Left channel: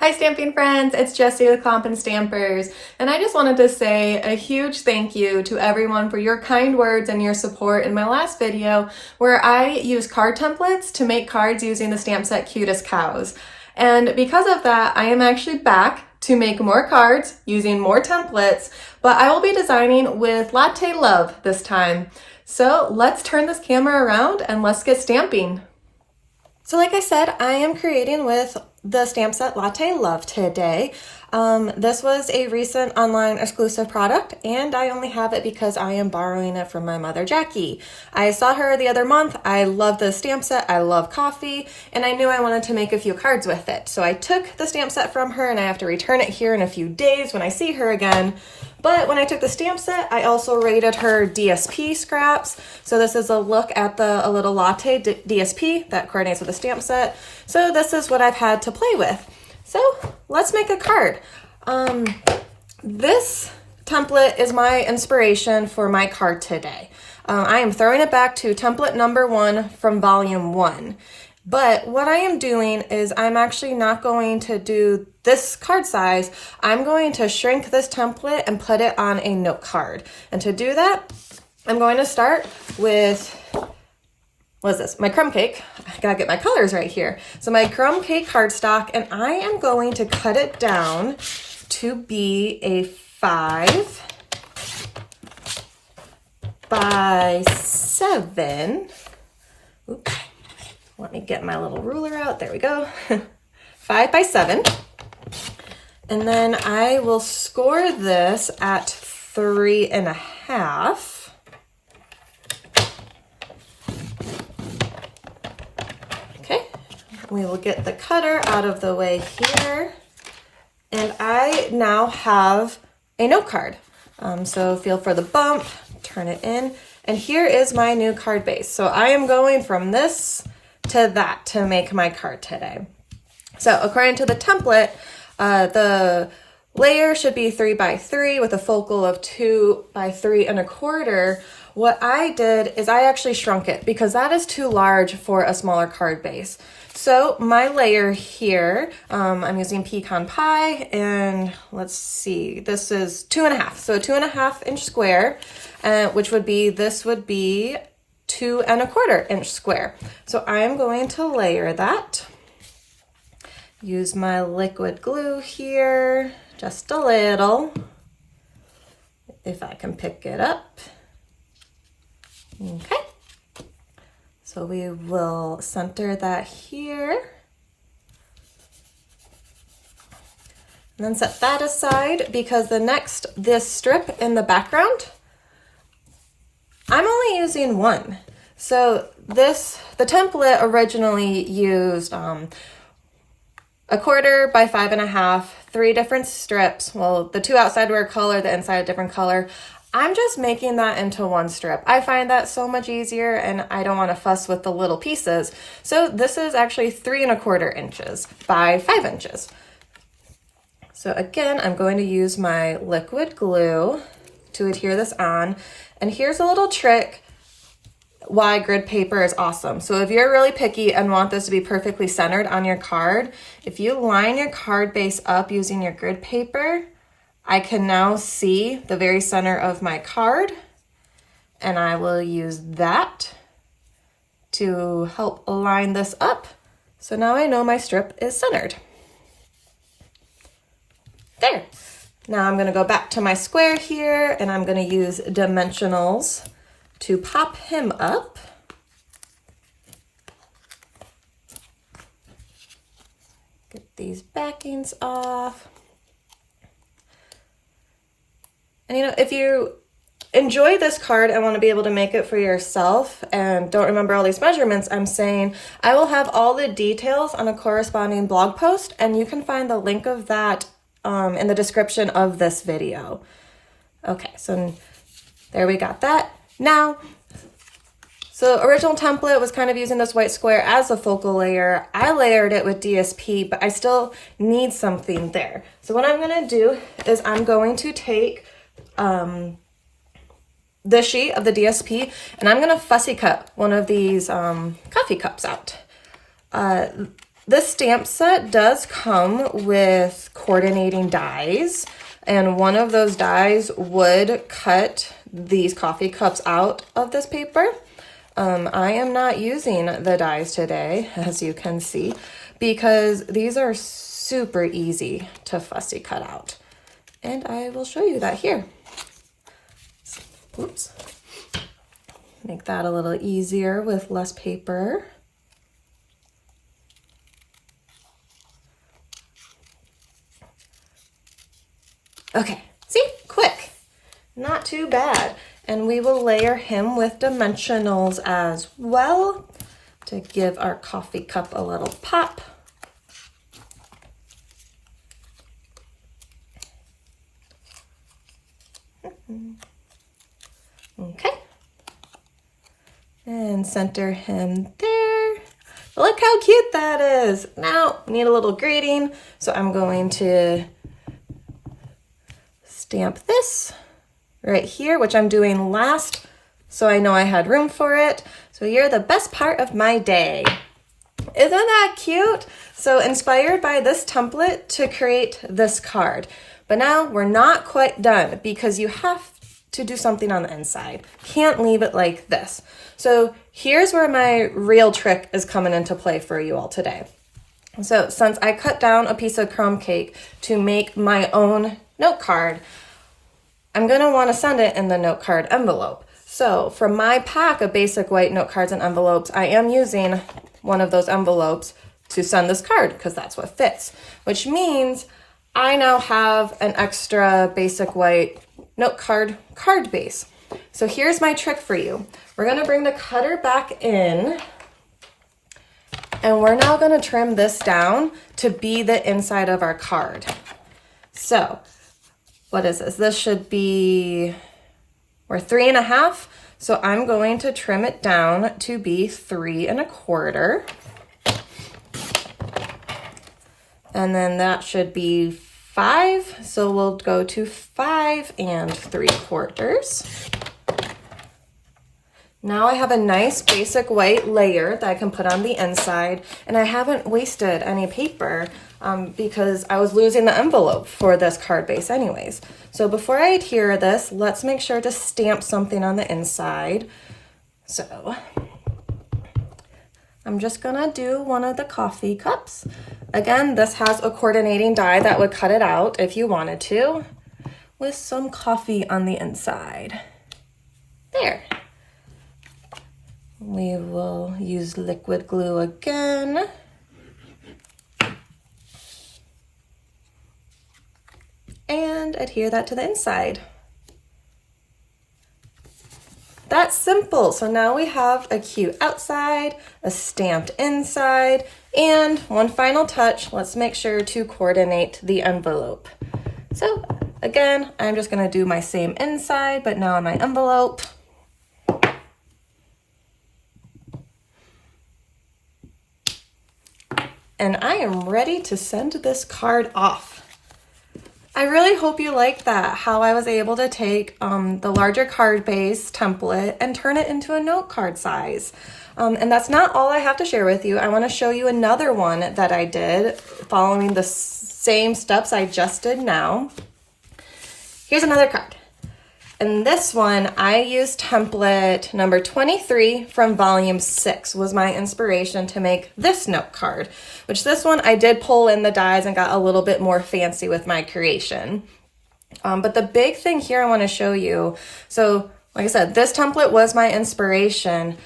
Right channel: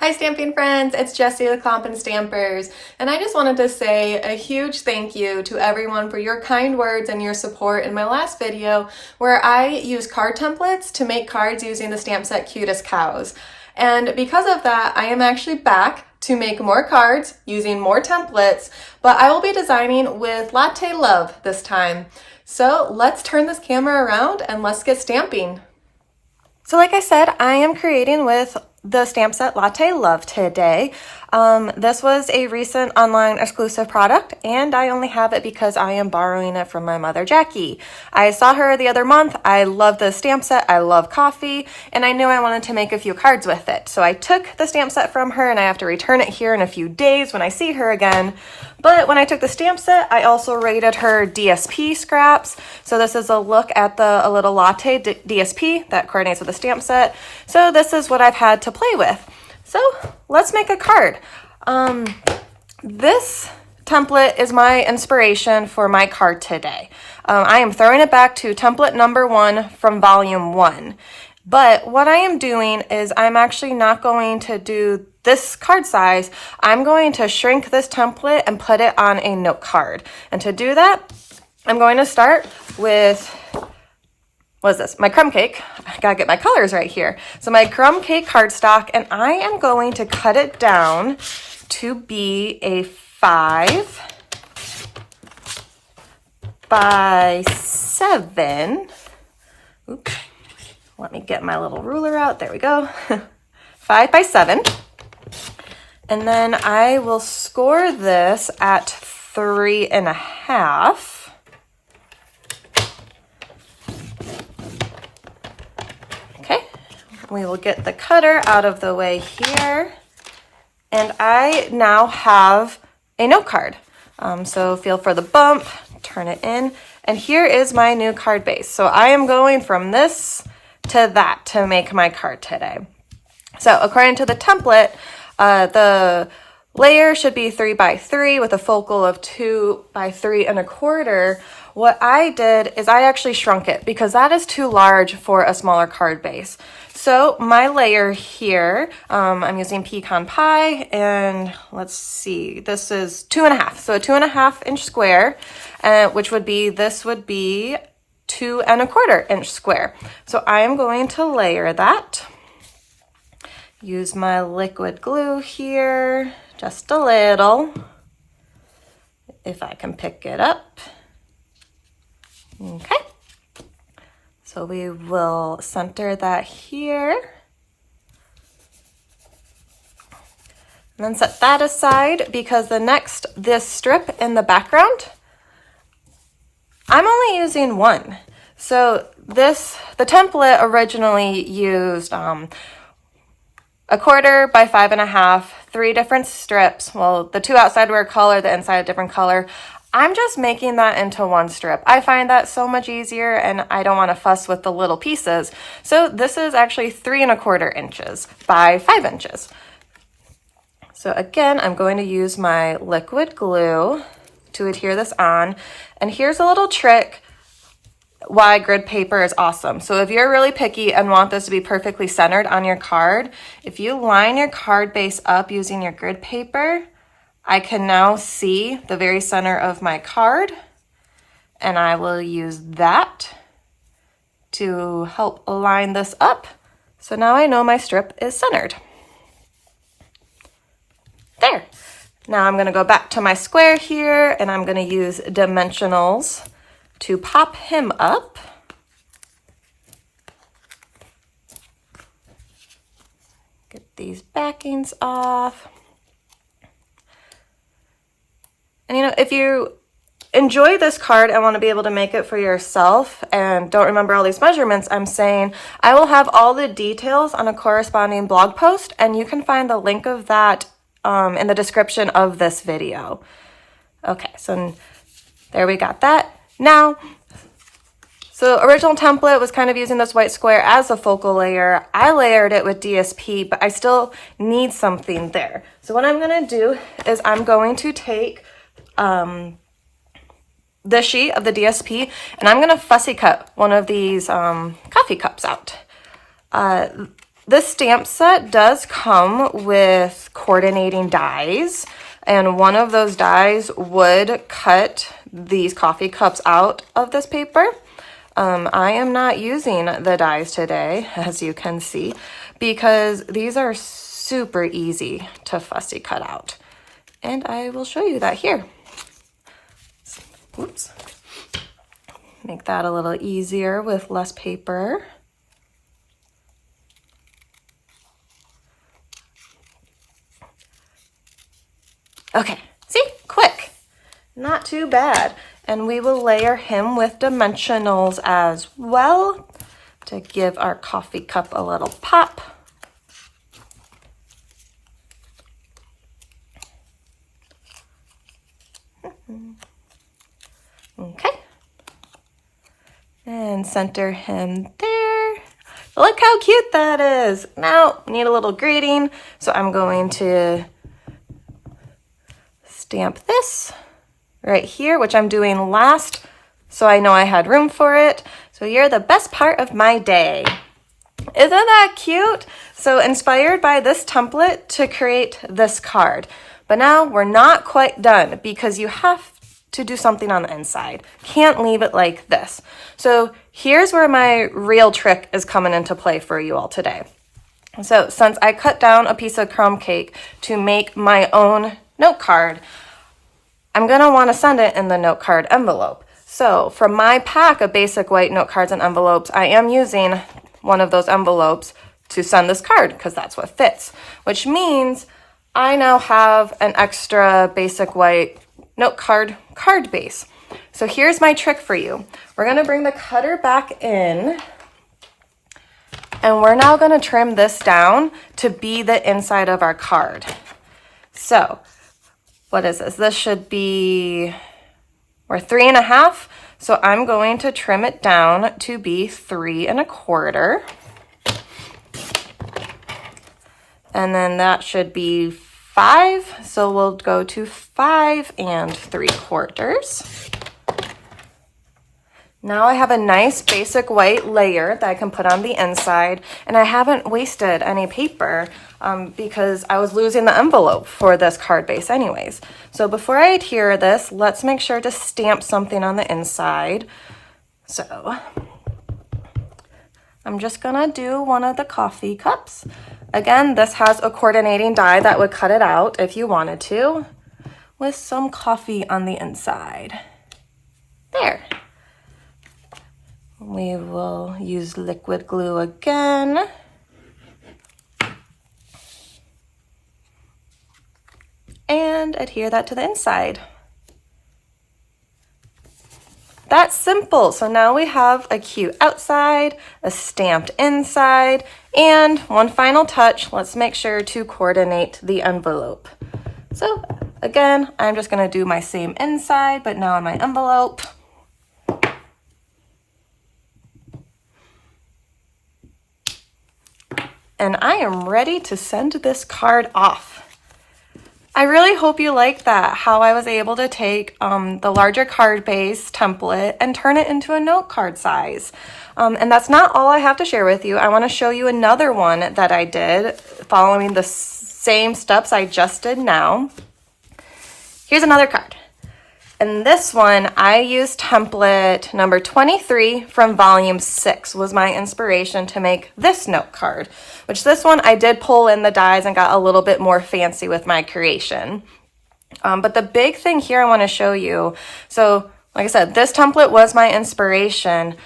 Hi stamping friends, it's Jesi with Clomp and Stampers, and I just wanted to say a huge thank you to everyone for your kind words and your support in my last video where I used card templates to make cards using the stamp set Cutest Cows. And because of that, I am actually back to make more cards using more templates, but I will be designing with Latte Love this time. So let's turn this camera around and let's get stamping. So like I said, I am creating with the stamp set Latte Love today. This was a recent online exclusive product, and I only have it because I am borrowing it from my mother, Jackie. I saw her the other month. I love the stamp set. I love coffee, and I knew I wanted to make a few cards with it. So I took the stamp set from her, and I have to return it here in a few days when I see her again. But when I took the stamp set, I also rated her DSP scraps. So this is a look at a little latte DSP that coordinates with the stamp set. So this is what I've had to play with. So let's make a card. This template is my inspiration for my card today. I am throwing it back to template number 1 from volume 1. But what I am doing is I'm actually not going to do this card size. I'm going to shrink this template and put it on a note card. And to do that, I'm going to start with, what is this? My crumb cake. I gotta get my colors right here. So my crumb cake cardstock, and I am going to cut it down to be a 5 by 7. Oops. Let me get my little ruler out. There we go. 5 by 7. And then I will score this at 3.5. Okay. We will get the cutter out of the way here. And I now have a note card. So feel for the bump, turn it in. And here is my new card base. So I am going from this to that to make my card today. So according to the template, the layer should be 3 by 3 with a focal of 2 by 3.25. What I did is I actually shrunk it because that is too large for a smaller card base. So my layer here, I'm using pecan pie, and let's see, this is 2.5. So a 2.5 inch square, which would be, this would be 2.25 inch square. So I am going to layer that. Use my liquid glue here, just a little, if I can pick it up. Okay. So we will center that here. And then set that aside because this strip in the background, I'm only using 1. So the template originally used 1/4 by 5.5, 3 different strips. Well, the 2 outside were a color, the inside a different color. I'm just making that into 1 strip. I find that so much easier, and I don't want to fuss with the little pieces. So this is actually 3.25 inches by 5 inches. So again, I'm going to use my liquid glue to adhere this on. And here's a little trick why grid paper is awesome. So if you're really picky and want this to be perfectly centered on your card, if you line your card base up using your grid paper, I can now see the very center of my card, and I will use that to help line this up. So now I know my strip is centered. There. Now I'm going to go back to my square here, and I'm going to use dimensionals to pop him up. Get these backings off. And if you enjoy this card and want to be able to make it for yourself and don't remember all these measurements I'm saying, I will have all the details on a corresponding blog post, and you can find the link of that in the description of this video. Okay, so there we got that. Now, so original template was kind of using this white square as a focal layer. I layered it with DSP, but I still need something there. So what I'm going to do is I'm going to take the sheet of the DSP, and I'm going to fussy cut one of these coffee cups out. this stamp set does come with coordinating dies, and one of those dies would cut these coffee cups out of this paper. I am not using the dies today, as you can see, because these are super easy to fussy cut out. And I will show you that here. Oops. Make that a little easier with less paper. Okay, see, quick, not too bad. And we will layer him with dimensionals as well to give our coffee cup a little pop. Okay. And center him there. Look how cute that is. Now, need a little grading, so I'm going to stamp this right here, which I'm doing last, so I know I had room for it. So you're the best part of my day. Isn't that cute? So inspired by this template to create this card. But now we're not quite done because you have to do something on the inside. Can't leave it like this. So here's where my real trick is coming into play for you all today. So since I cut down a piece of crumb cake to make my own note card, I'm gonna wanna send it in the note card envelope. So from my pack of basic white note cards and envelopes, I am using one of those envelopes to send this card because that's what fits, which means I now have an extra basic white note card base. So here's my trick for you. We're gonna bring the cutter back in, and we're now gonna trim this down to be the inside of our card. So what is this? This should be, we're 3.5. So I'm going to trim it down to be 3.25. And then that should be 5. So we'll go to 5.75. Now I have a nice basic white layer that I can put on the inside, and I haven't wasted any paper because I was losing the envelope for this card base anyways. So before I adhere this, let's make sure to stamp something on the inside. So I'm just gonna do one of the coffee cups. Again, this has a coordinating die that would cut it out if you wanted to, with some coffee on the inside. There. We will use liquid glue again. And adhere that to the inside. That's simple. So now we have a cute outside, a stamped inside, and one final touch. Let's make sure to coordinate the envelope. So again, I'm just gonna do my same inside, but now on my envelope. And I am ready to send this card off. I really hope you liked that, how I was able to take the larger card base template and turn it into a note card size. And that's not all I have to share with you. I want to show you another one that I did following the same steps I just did now. Here's another card. And this one, I used template number 23 from volume 6 was my inspiration to make this note card, which this one I did pull in the dies and got a little bit more fancy with my creation. But the big thing here I want to show you, so like I said, this template was my inspiration,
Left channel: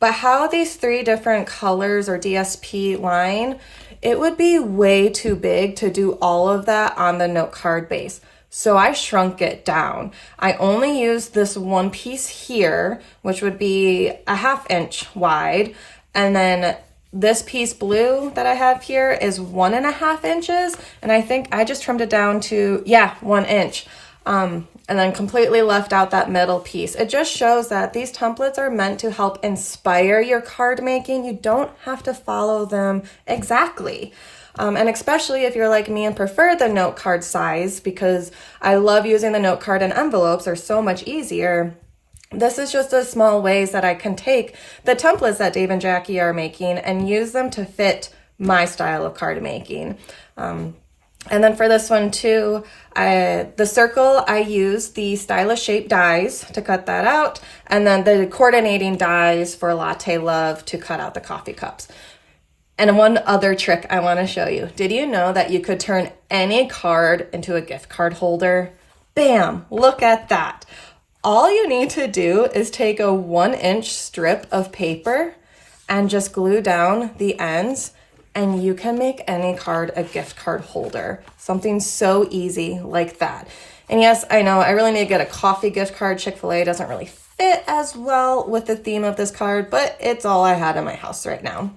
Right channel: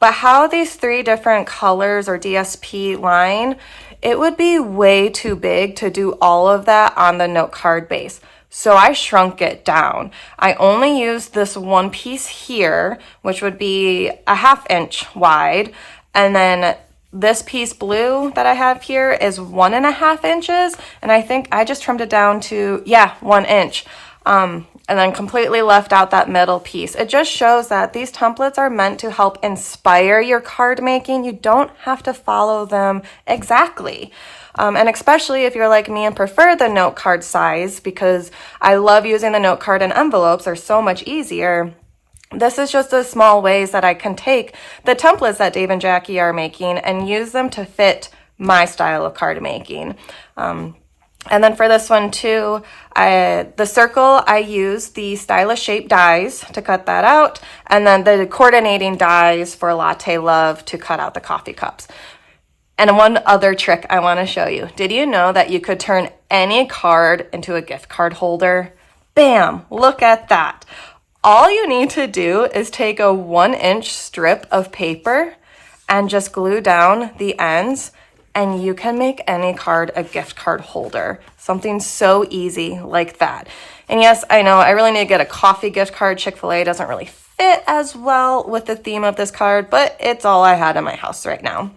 but how these 3 different colors or DSP line, it would be way too big to do all of that on the note card base. So I shrunk it down. I only used this one piece here, which would be a 1/2 inch wide. And then this piece blue that I have here is 1.5 inches. And I think I just trimmed it down to, 1 inch. And then completely left out that middle piece. It just shows that these templates are meant to help inspire your card making. You don't have to follow them exactly. And especially if you're like me and prefer the note card size, because I love using the note card and envelopes, they're so much easier. This is just the small ways that I can take the templates that Dave and Jackie are making and use them to fit my style of card making. And then for this one too, the circle, I use the stylish shape dies to cut that out, and then the coordinating dies for Latte Love to cut out the coffee cups. And one other trick I want to show you. Did you know that you could turn any card into a gift card holder? Bam! Look at that. All you need to do is take a 1-inch strip of paper and just glue down the ends, and you can make any card a gift card holder. Something so easy like that. And yes, I know I really need to get a coffee gift card. Chick-fil-A doesn't really fit as well with the theme of this card, but it's all I had in my house right now.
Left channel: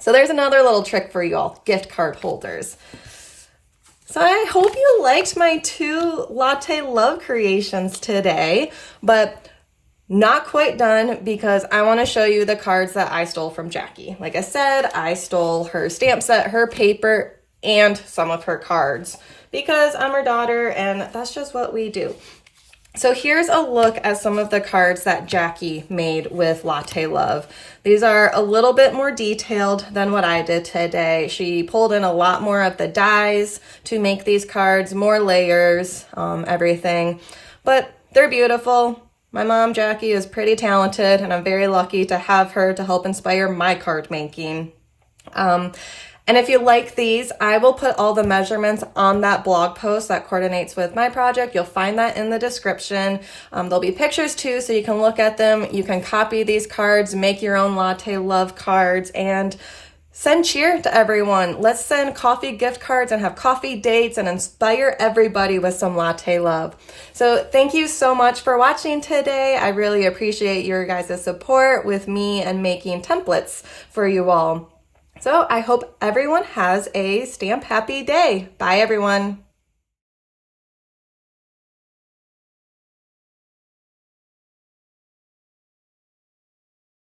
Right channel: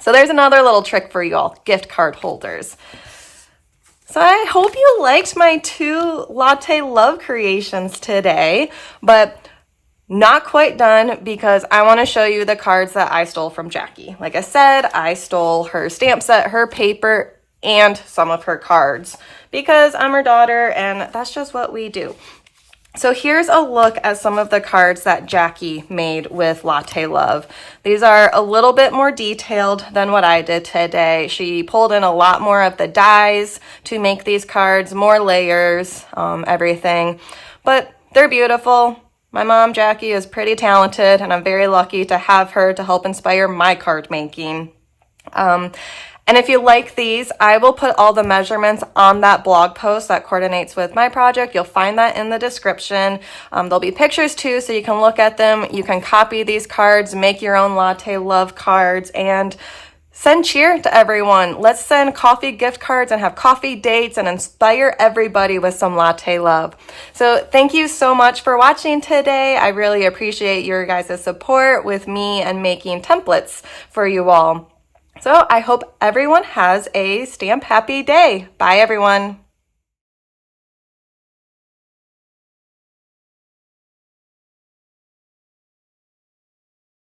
So there's another little trick for you all, gift card holders. So I hope you liked my 2 Latte Love creations today, but not quite done, because I want to show you the cards that I stole from Jackie. Like I said, I stole her stamp set, her paper, and some of her cards because I'm her daughter and that's just what we do. So here's a look at some of the cards that Jackie made with Latte Love. These are a little bit more detailed than what I did today. She pulled in a lot more of the dies to make these cards, more layers, everything, but they're beautiful. My mom, Jackie, is pretty talented, and I'm very lucky to have her to help inspire my card making. And if you like these, I will put all the measurements on that blog post that coordinates with my project. You'll find that in the description. There'll be pictures too, so you can look at them. You can copy these cards, make your own Latte Love cards, and send cheer to everyone. Let's send coffee gift cards and have coffee dates and inspire everybody with some Latte Love. So thank you so much for watching today. I really appreciate your guys' support with me and making templates for you all. So I hope everyone has a stamp happy day. Bye everyone.